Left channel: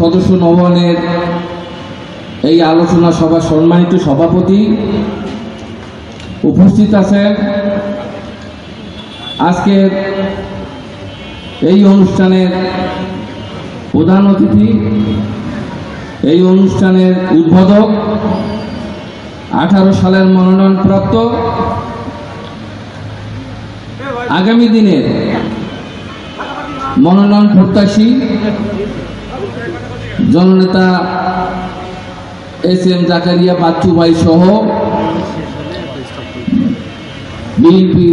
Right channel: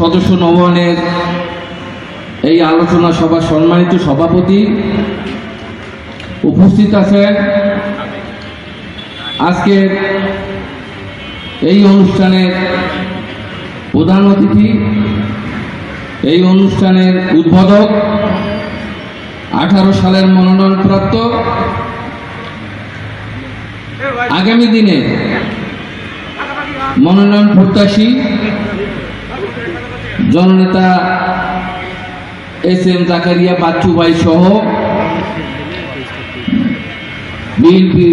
সদস্য নবায়নের এই আলোচনা সভার সম্মানিত সভাপতি উপস্থিত আছেন, আজকে এই অনুষ্ঠানের প্রধান অতিথি, এই অনুষ্ঠানের উদ্বোধক, 18 সালের মনোনয়নপ্রাপ্ত, আগামী দিনে মনোনয়ন প্রত্যাশী জননেতা এস.এম. জাকারিয়া বাচ্চু ভাই সহ বিএনপি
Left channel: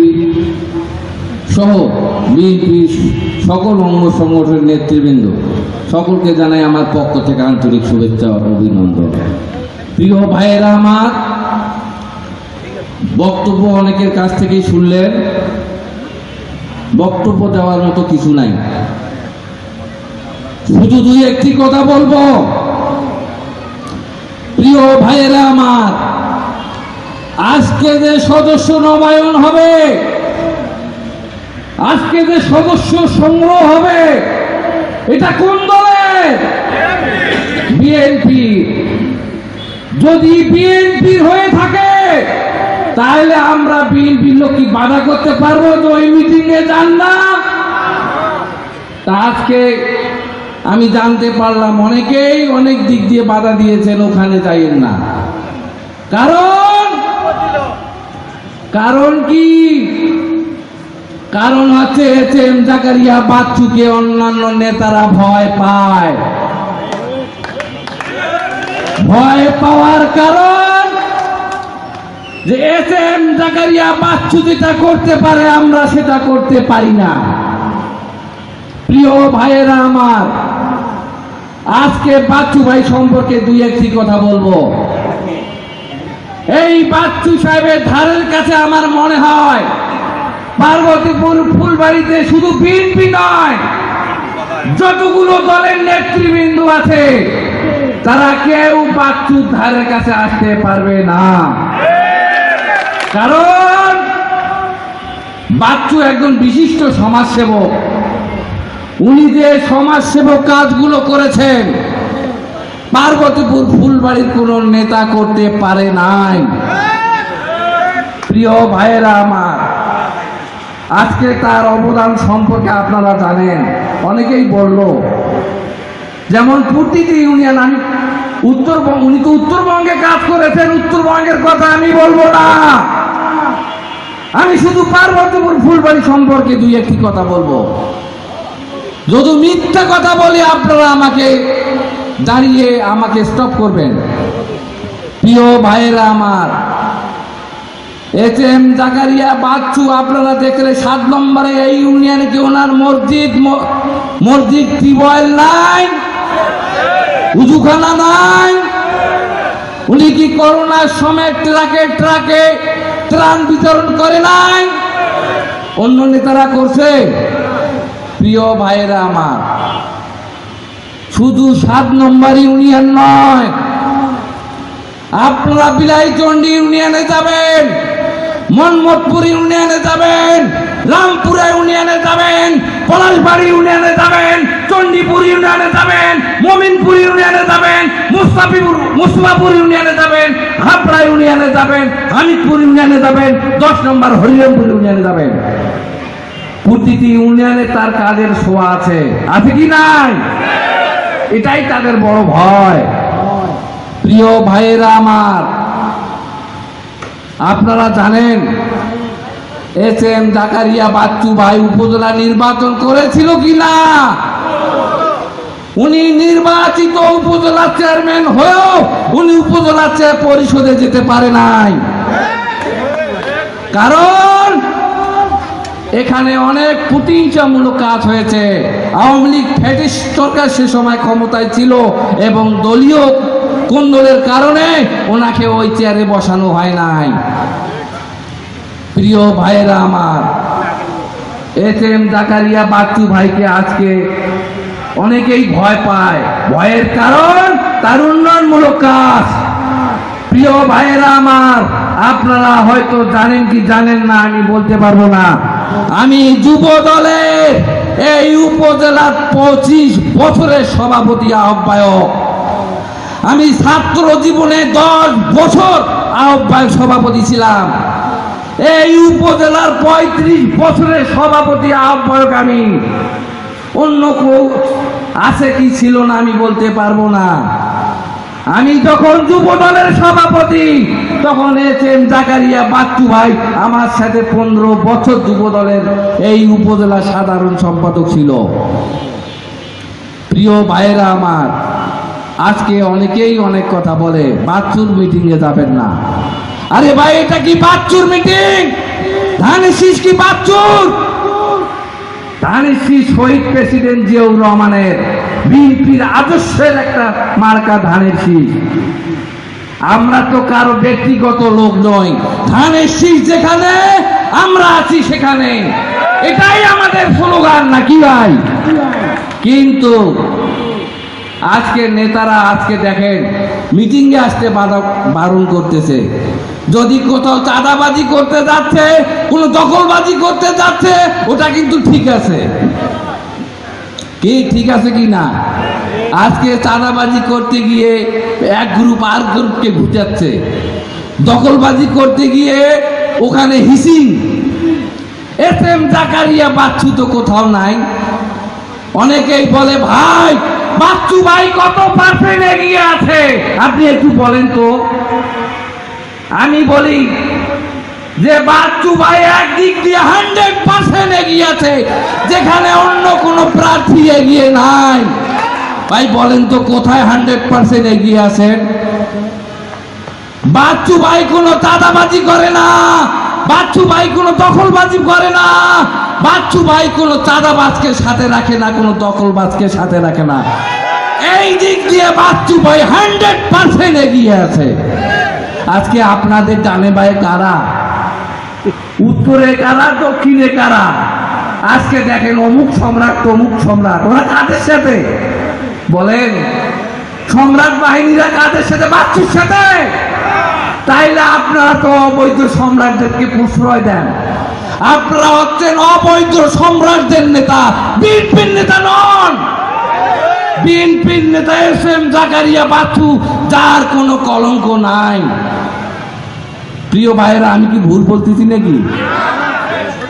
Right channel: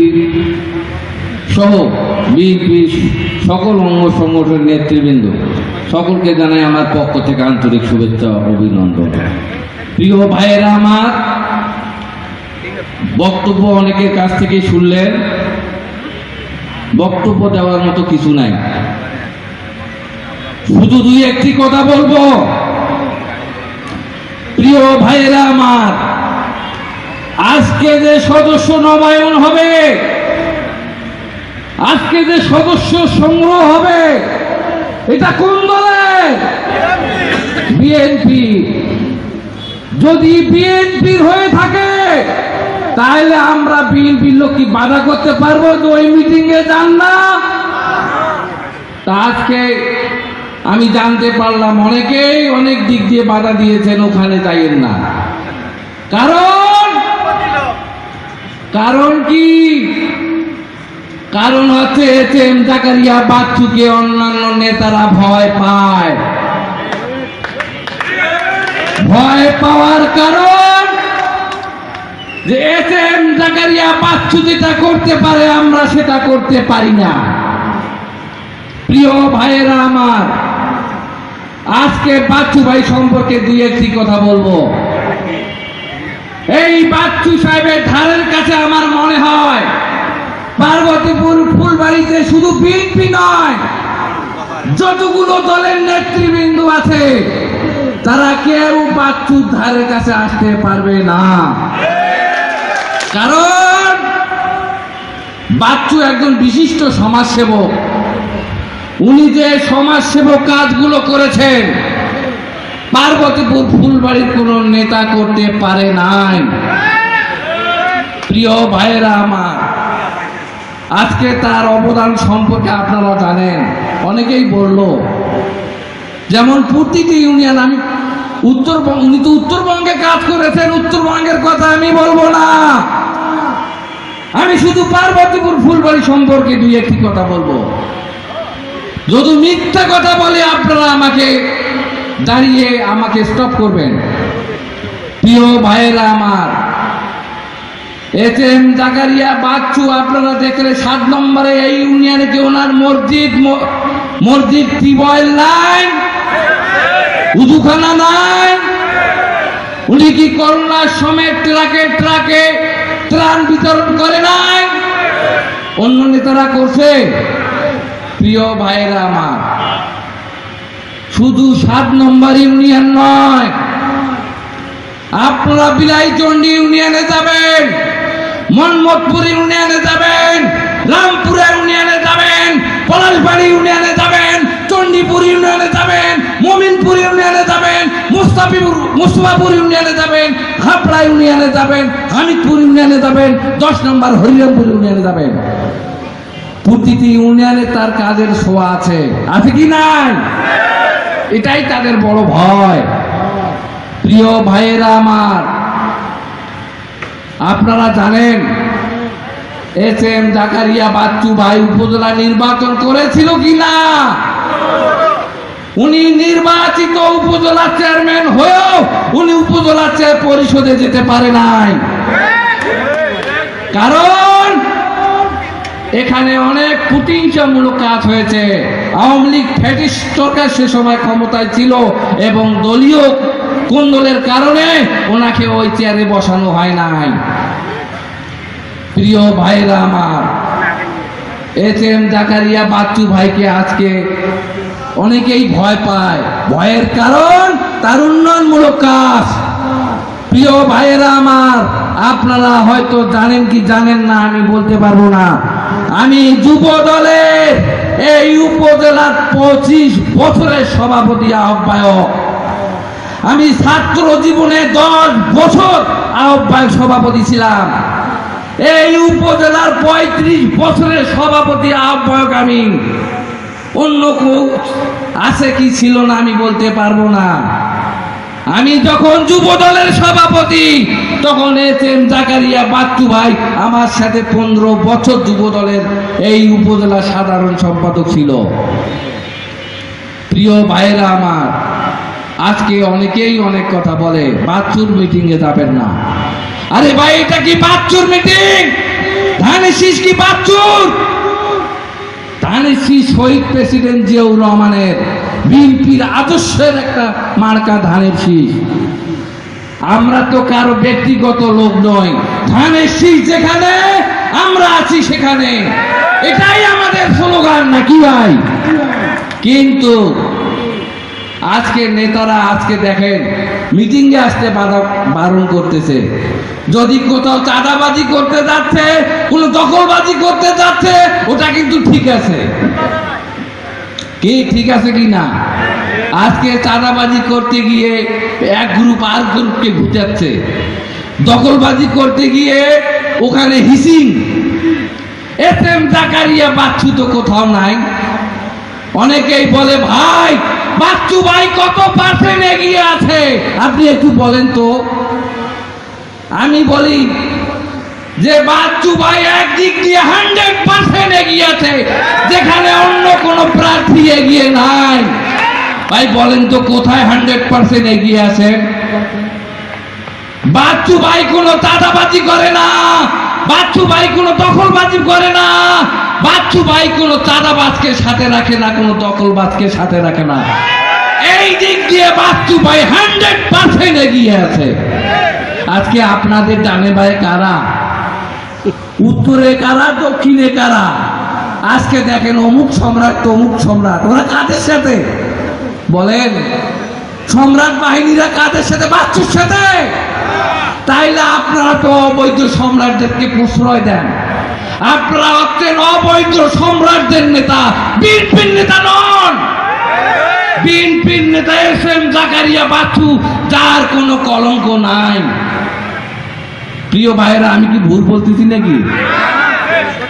সকল অঙ্গ সংগঠনের নেতৃবৃন্দ সকলকে জানাই আমার পক্ষ থেকে আন্তরিক শুভেচ্ছা ও অভিনন্দন। প্রিয় ভাইয়েরা, আমার বক্তব্য অনেকের কাছ থেকে শুনলেন, বক্তব্য দেওয়ার মতো কিছু নাই, শুধু দুই একটি কথা বলবো। প্রিয় ভাইয়েরা আমার, আজকে যে সদস্য নবায়ন হবে, আজকে যে সদস্য সংগ্রহ হবে, এটা কোন দলের? বিএনপি। যদি বিএনপির হয়ে থাকে তাহলে আমরা বিএনপির লোক কি বাধা করতে পারবো যে ওই মিটিং এ যান না? তা আজকে আমি জানতে পারলাম অনেকেই অনেক দিক দিয়ে বাধা দিয়েছেন, ওখানে যাইয়েন না। কারণ কি? কারণ হচ্ছে এস.এম. জাকারিয়া বাচ্চুকে অন্যান্য নেতারা ভয় পায়। ভয় পাওয়ার কারণ যে এস.এম. জাকারিয়া বাচ্চু যেটা করতে পারে আমরা সেটা করতে পারি না। প্রিয় ভাইয়েরা আমার, আজকে বাচ্চু ভাই সম্পর্কে দুই একটি কথা বলবো। এই বাচ্চু সাহেবের ধারের কাছে আমার মনে হয় পার্বতীপুর ফুলবাড়িতে শুধু বিএনপি নয়, যতগুলো দলের নেতৃবৃন্দ আছে তারা কেউ বাচ্চুর ধারের কাছে আসতে পারবে না। কারণ বাচ্চু একজন বিশিষ্ট সমাজসেবক। উনি যে সমাজসেবক কাজগুলো করেছেন পার্বতীপুর ফুলবাড়ির কোন নেতা করতে পারে নাই। প্রিয় ভাইয়েরা আমার, আজকে তার অবদান সম্পর্কে আপনারা জানেন, অনেকেই বলল, যেমন প্রতিটি ইউনিয়ন, আমি উনি তো উত্তরবঙ্গে কাজ করেছেন, উত্তরবঙ্গের কথা আমি বলবো না, আমি শুধু পার্বতীপুর ফুলবাড়ি সম্পর্কে দুই একটি কথা বলবো। যদি মিথ্যা কথা বলে আপনারা আমাকে দাঁড়িয়ে আমাকে স্টপ করবেন। প্রিয় ভাইয়েরা আমার, এস.এম. জাকারিয়া বাচ্চু আপনারা দেখলে 7 নম্বরে এই ইউনিয়নে কি ওনার মসজিদ টিউবওয়েল নাই, উজুখানা নাই? উনি কি করোনার সময় ট্রাকে ট্রাকে ত্রাণ বিতরণ করে নাই? অন্য নেতারা করছে? প্রিয় ভাইয়েরা আমার, শুধু 7 নম্বর ইউনিয়ন নয়, আপনারা বিলাইচন্ডী ইউনিয়নে যাবেন, মোহাম্মদপুর ইউনিয়নে যাবেন, রামপুরা ইউনিয়নে যাবেন, পলাশবাড়ি ইউনিয়নে যাবেন, চণ্ডীপুর ইউনিয়নে যাবেন, মমিনপুর ইউনিয়নে যাবেন, মুস্তাফাপুর ইউনিয়নে যাবেন, হাবড়া ইউনিয়নে যাবেন, হামিদপুর ইউনিয়নে যাবেন, 10 নম্বর হরিরামপুর ইউনিয়নে যাবেন। প্রতিটি ইউনিয়নে তার কাজের ছোঁয়া আছে কি নাই? এটাই তাদের বড় ভয়। প্রিয় ভাইয়েরা আমার, আপনারা জানেন এস.এম. জাকারিয়া বাচ্চু ভাই উপজেলা নির্বাচন করেছিল কিনা? উনি নির্বাচিত উপজেলা চেয়ারম্যান হয়েও উনি উপজেলা পরিষদে যেতে পারে নাই। কারণ এখানে অনেক প্রতিহিংসামূলক কাজ হয়েছে। আওয়ামী লীগ ফ্যাসিস্ট সরকার সে সময় ক্ষমতায় ছিল এবং দলীয় কোন্দলের কারণে ওনাকে ওই চেয়ারে বসানো হয় নাই। প্রিয় ভাইরা আমার, এস.এম. জাকারিয়া বাচ্চু ভাইকে আজকে অনেকেই ভয় পায়। ভয়ের কারণ তার উন্নয়নমূলক কাজ। প্রিয় ভাইয়েরা আমার, আপনারা হয়তো জানেন কি জানেন না আমি বলতে পারবো না। আমি যুব দলের এই উপজেলার 25 বছরের সভাপতি আহ্বায়ক। আমি ছাত্র জীবনে 10 বছর আহ্বায়ক সভাপতি ছিলাম। এই উপজেলার 35 বছরের সভাপতি আহ্বায়ক আমি। অন্য কেউ আছে কি ছিল না আমি বলতে পারবো না। আমি যখন যুব দলের সভাপতি তখন এসএম জাকারিয়া বাচ্চু ভাই আমার সাথে 15 বছর যুব দলের এই উপজেলা সাধারণ সম্পাদক ছিল। প্রিয় ভাইয়েরা আমার, আজকে অনেকেই অনেক কথা বলে বাচ্চুর মিটিং এ যাবেন না। আরে ভাই, এটা কি বাচ্চুর মিটিং? ধানের শীষ কি বাচ্চুর? ধানের শীষ শহীদ প্রেসিডেন্ট জিয়াউর রহমানের বিএনপির আদর্শের একটা মার্কা ধানের শীষ। আমরা তো কারো ব্যক্তিগত লোক নই। ধানের শীষ যেখানে আমরা আছি সেখানে, এটাই আমাদের স্লোগান নাকি ভাই? কিন্তু আজকে নেতারা আজকে দেখেন মিটিং এ আসতে বারণ করতেছে। যদি কোথাও চাঁদাবাজি করতে যাচ্ছে, কোন দখলবাজি করতে যাচ্ছে, ওটা কিন্তু ঠিক আছে। কি ঠিক আছে কি না? আজকে চাঁদাবাজি করতে গিয়ে এক গ্রুপ আর গ্রুপকে ভিটাচ্ছে, দখলবাজি করতে গিয়ে ওখানে হিসিং। এসএম জাকারিয়া বাচ্চু তো কোথাও নাই। অনেকেই বলে ভাই বাচ্চু ভাই কত পার্সেন্ট এগিয়ে আছে, আপনি একটু বলেন তো। আমি বলি যে বাচ্চু ভাই একদিক দিয়ে 100% এগিয়ে আছে, যেখানে অন্য কোন প্রার্থী এগিয়ে নাই। ভাই বলেন তো কোথায় 100% এগিয়ে আছে? বাচ্চু ভাই কোনো চাঁদাবাজি করে না, বাচ্চু ভাই কোনো দখলবাজি করে না, বাচ্চু ভাই কোনো চাঁদাবাজকে সাথে রাখে না, কোনো দখলবাজকে সাথে রাখে না। এই দিক দিয়ে বাচ্চু ভাই 100% এগিয়ে আছে। আজকে আপনাদের ডানে বায়ে কারা, উত্তরে কারা, দক্ষিণে কারা? আজকে দেখেন অমুক সম্রাট তমুক সম্রাট, ওরা কাদের সাথে বলেন? সম্রাট বাহিনীরা কাদের সাথে? বাচ্চুর সাথে। তাইলে আপনারা তো অবৈধ সম্রাটদেরকে প্রশ্রয় দেন। আপনারা হচ্ছেন অবৈধ সম্রাটদের নেতা, বিএনপির নেতা নন। বিএনপির নেতা এসএম জাকারিয়া বাচ্চু, যার কোনো কলঙ্ক নাই। প্রিয় ভাইয়েরা, আমি কি ভুল বলতেছি নাকি?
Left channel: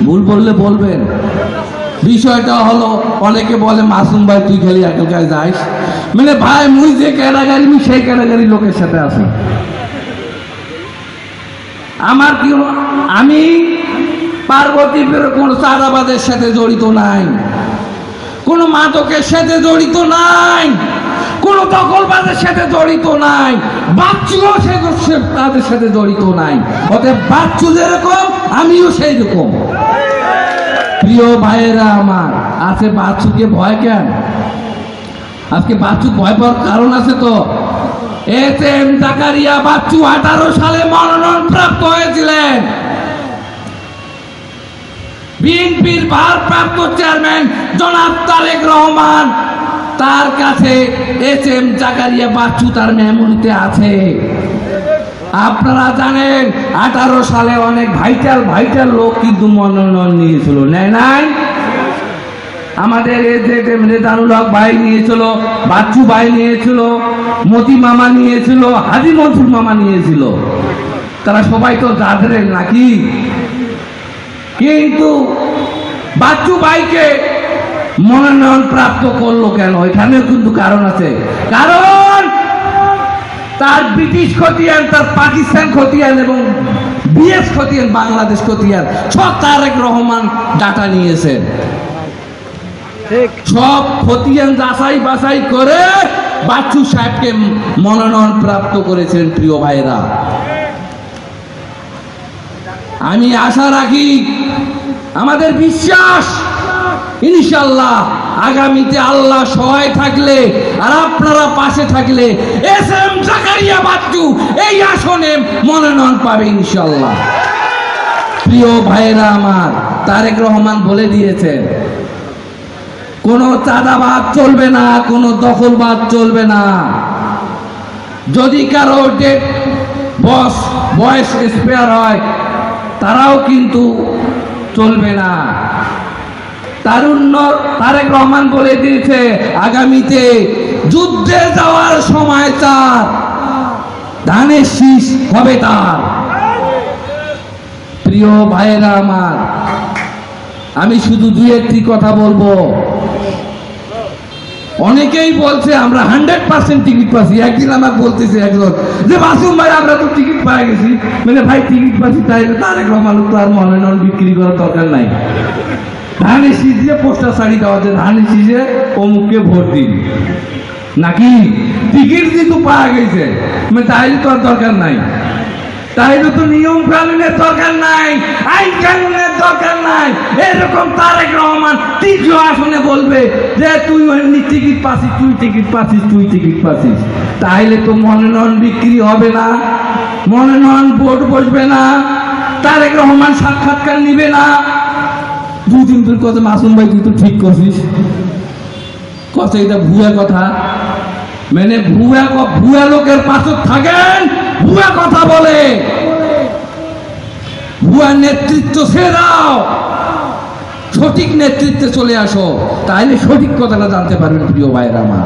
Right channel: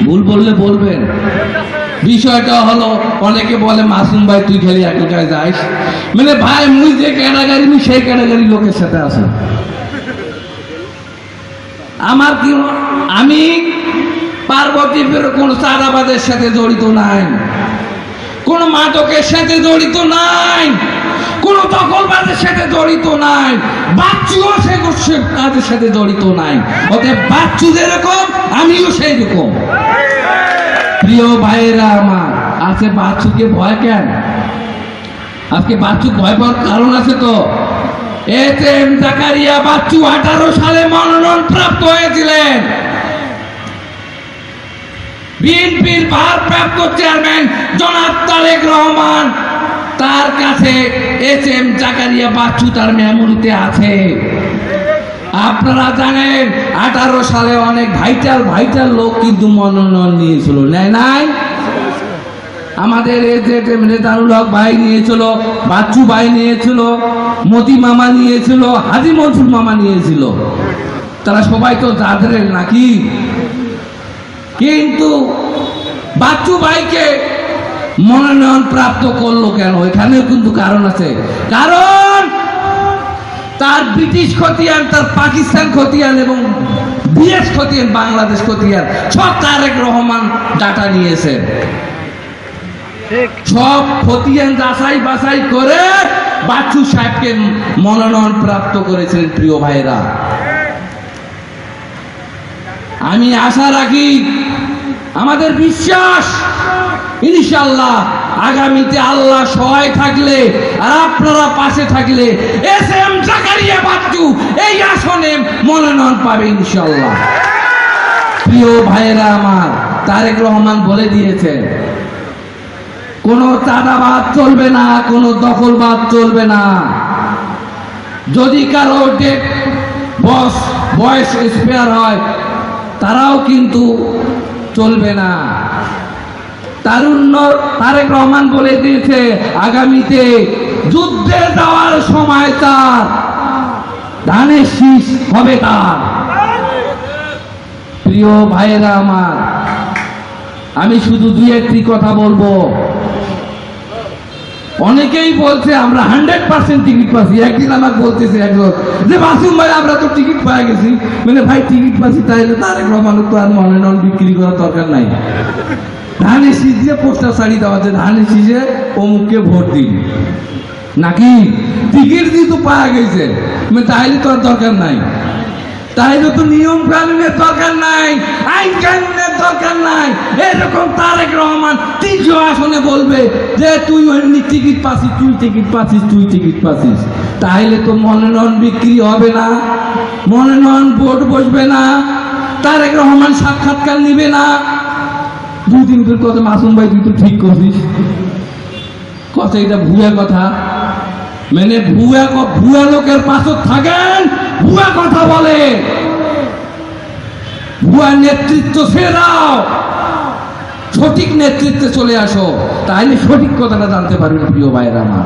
ভুল বললে বলবেন। বিষয়টা হলো, অনেকে বলে মাসুম ভাই তুই খালি এক জায়গায় যাইস, মানে ভাই মুই যে ক্যাটাগরি সেই ক্যাটাগরি লোকের সাথে আছে। আমার কি, আমি পার্বতীপুর কোন চাঁদাবাদের সাথে জড়িত নাই, কোন মাদকের সাথে জড়িত নাই, কোন দখলবাদের সাথে জড়িত নাই, বাচ্চুও তাদের সাথে জড়িত নাই। অতএব বাচ্চু যেরকম আমিও সেই রকম। প্রিয় ভাইয়েরা আমার, আছে বাচ্চুকে ভয় কেন? আজকে বাচ্চু ভয় পাওয়ার কারণ আছে তো। এসএম জাকারিয়া বাচ্চু 18 সালে মনোনয়ন প্রাপ্ত হয়েছিলেন। বিএনপির ভারপ্রাপ্ত চেয়ারম্যান জনাব তারেক রহমান, তার কাছে এসএম জাকারিয়া বাচ্চু তার মেমোরিতে আছে। আপনারা জানেন 18 সালে অনেক ভাইটাল লোক কিন্তু মনোনয়ন নিয়েছিল, নেয় নাই? আমাদের নেতারুল হক ভাই নিয়েছিল, বাচ্চু ভাই নিয়েছিল, মতি মামা নিয়েছিল, হাজি মনসুর মামা নিয়েছিল। তারা সবাই তো যাদের নাকি। কিন্তু বাচ্চু ভাইকে মনোনয়ন প্রাপ্ত করলো কেন? এখানেও কিন্তু কারণ আছে। কারণ তার ব্রিটিশ খতিয়ান, তার পাকিস্তান খতিয়ান এবং বিএস খতিয়ান, বাংলাদেশ খতিয়ান সব তারেক রহমান ডাটা নিয়েছে। সব খতিয়ান যাচাই বাছাই করে বাচ্চু সাহেবকে মনোনয়ন প্রাপ্ত করেছিলেন। প্রিয় ভাইরা, আমি আশা রাখি, আমাদের বিশ্বাস, ইনশাআল্লাহ আগামীতে আল্লাহ সহায় থাকলে আর আপনারা পাশে থাকলে এসএম জাকারিয়া বাচ্চু এই আসনে মনোনয়ন পাবে ইনশাআল্লাহ। প্রিয় ভাইরা আমার, তারেক রহমান বলে দিয়েছে কোনো চাঁদাবাদ চলবে না, কোনো দখলবাদ চলবে না। যদি কারো বয়স স্পেয়ার হয় তারাও কিন্তু চলবে না। তারুণ্য তারেক রহমান বলে দিয়েছে আগামীতে যুদ্ধে যাওয়ার সময় তার, ধানের শীষ হবে তার। প্রিয় ভাইয়েরা আমার, আমি শুধু দুই একটি কথা বলবো। অনেকেই বলছে আমরা 100% টিকিট পাচ্ছি। একদিন আমার বলতেছে একজন যে মাসুম ভাই আমরা তো টিকিট পাই গেছি। মানে ভাই টিকিট পাচ্ছি তাইলে তারেক রহমান তো আর মনোনয়ন বিক্রি করার দরকার নাই, ধানের শীষ দিয়ে পোস্টার ছাড়ি দেওয়া যে ধানের শীষে অমুককে ভোট দিন, নাকি টিকিট দিয়ে তো পাওয়া গেছে তাইলে তো আর দরকার নাই, তাইলে তো নিয়ম কানুনের দরকার নাই, আইন কানুনের দরকার নাই। এরকম তারেক রহমান তৃতীয় আসনে বলবে যে তুই টিকিট পাচ্ছিস, তুই টিকিট পাচ্ছিস, তুই টিকিট পাচ্ছিস, তাইলে তো মনোনয়ন বিক্রি হবে না, মনোনয়ন ভোট বসবে না, তারেক রহমান সাক্ষাৎকার নিবে না। দুদিন পর কথা মাসুম ভাই তুই তো ঠিক করছিস, কথা এটা ভুয়া কথা। মানে ভুয়া লোকের পাশে থাকেন, ভুয়া কথা বলে, ভুয়া নেতৃত্ব ছেড়ে দাও, সঠিক নেতৃত্বে চলে আসো, তাহলে সঠিক কথাটা জানতে পারবেন। প্রিয় ভাইয়েরা আমার,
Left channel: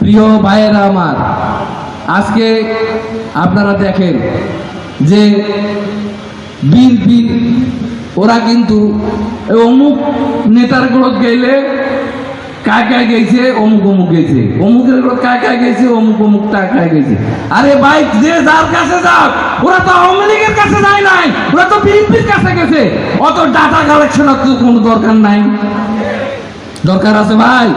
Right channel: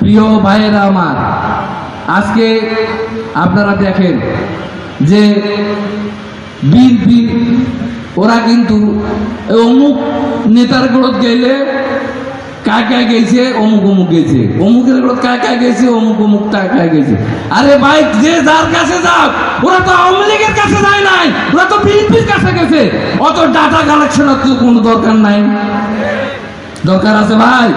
প্রিয় ভাইয়েরা আমার, আজকে আপনারা দেখেন যে বিএনপি ওরা কিন্তু অমুক নেতার গ্রোথ গেলে কায় কায় গেছে, অমুক অমুক গেছে, অমুকের গ্রোথ কায় কায় গেছে, অমুক অমুক কায় গেছে। আরে ভাই যে যার কাছে যাও, ওরা তো আওয়ামী লীগের কাছে যায় নাই, ওরা তো বিএনপির কাছে গেছে। অত ডাটা কালেকশনের তো কোনো দরকার নাই। দরকার আছে ভাই?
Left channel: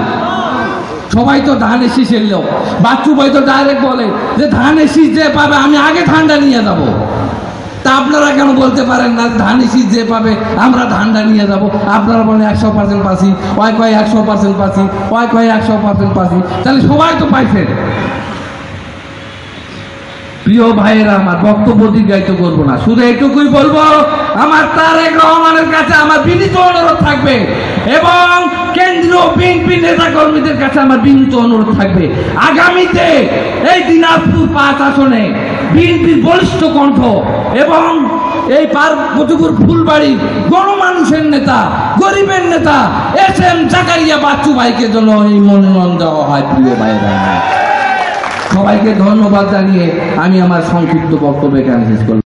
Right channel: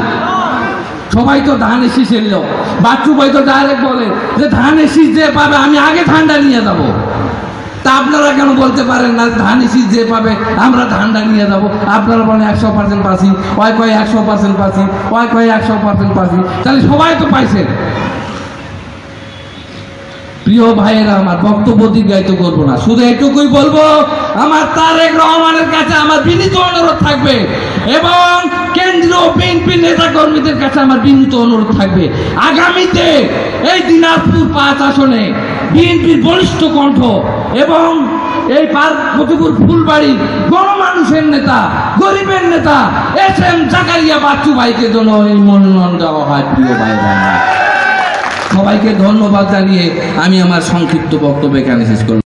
সবাই তো ধানের শীষ এলো, বাচ্চু ভাই তো ডাইরেক্ট বলে যে ধানের শীষ যে পাবে আমি আগে ধানটা নিয়ে যাবো। তা আপনারা কেন বলতে পারেন না ধানের শীষ যে পাবে আমরা ধানটা নিয়ে যাবো? আপনারা বলেন 100% পাচ্ছি, ওই কয় 100% পাচ্ছি, ওই কয় 100% পাচ্ছি, তাহলে সবাই তো পাইছেন। প্রিয় ভাইয়েরা আমার, বক্তব্য দীর্ঘায়িত করবো না, শুধু এটুকুই বলবো আমার তারেক রহমানের কাছে আমার বিনীত অনুরোধ থাকবে এবং কেন্দ্রীয় বিএনপি নেতা কর্মীদের কাছে আমার বিনীত অনুরোধ থাকবে, আগামীতে এই দিনাজপুর 5 আসনে বিএনপির বলিষ্ঠ কণ্ঠ এবং এই পার্বতীপুর ফুলবাড়ি গণমানুষের নেতা, গরিবের নেতা SM জাকারিয়া বাচ্চু ভাইকে জন্য এই মনোনয়ন দেওয়া হয়। প্রিয় ভাইরা, সবাইকে ধন্যবাদ জানিয়ে আমি আমার সংক্ষিপ্ত বক্তব্য এখানে শেষ করলাম।